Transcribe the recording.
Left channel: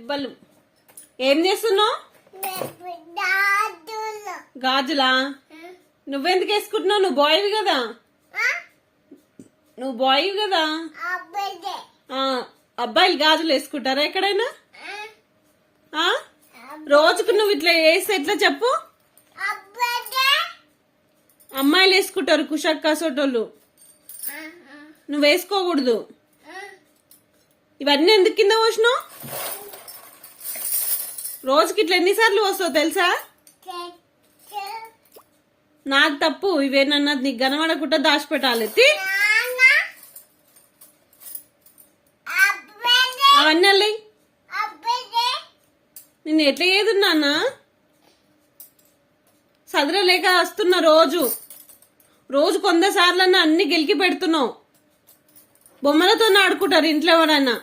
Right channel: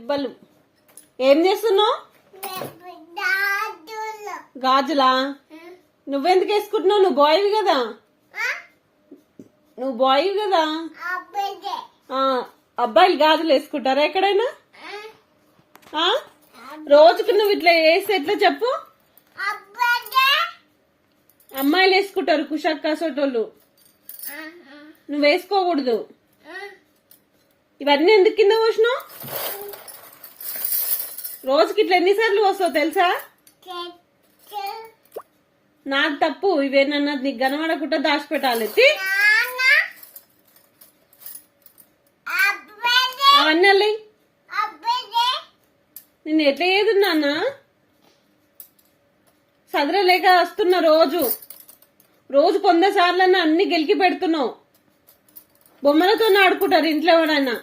ఇవ్వలు ఏం చేస్తున్నావు? గాజులా? నువ్వెందుకు వేసుకుంటున్నావు? నువ్వు బాయ్వి కదా. నువ్వు బాయ్వి కదా. అబ్బాయిలు గాజులు వేసుకుంటారా ఎక్కడైనా? రోజుకు నువ్వు ఇట్లా వేస్తే ఎట్లా చెప్పు? అమ్మాయిలు వేసుకుంటారు కుషక్క సోటోళ్ళు. నువ్వు వేసుకోకూడదు. ఇవన్నీ ఎందుకు కింద పోసినావు? రోజుకి ఇట్లా ఎన్నిసార్లు వస్తావు తెలుసా? నాకు తప్పు. ఇవేనన్నా నీకు కనబడకుండా దాచిపెట్టాలి. అన్నల్లి నిన్ను ఎట్లా ఏదున్నా సదరలేక వస్తున్నా. రోజు 100 సార్లన్నా అన్ని గెలికి పెడుతున్నావు. బొమ్మలతో ఆడుకుంటారు ఇంట్లో ఎవరైనా.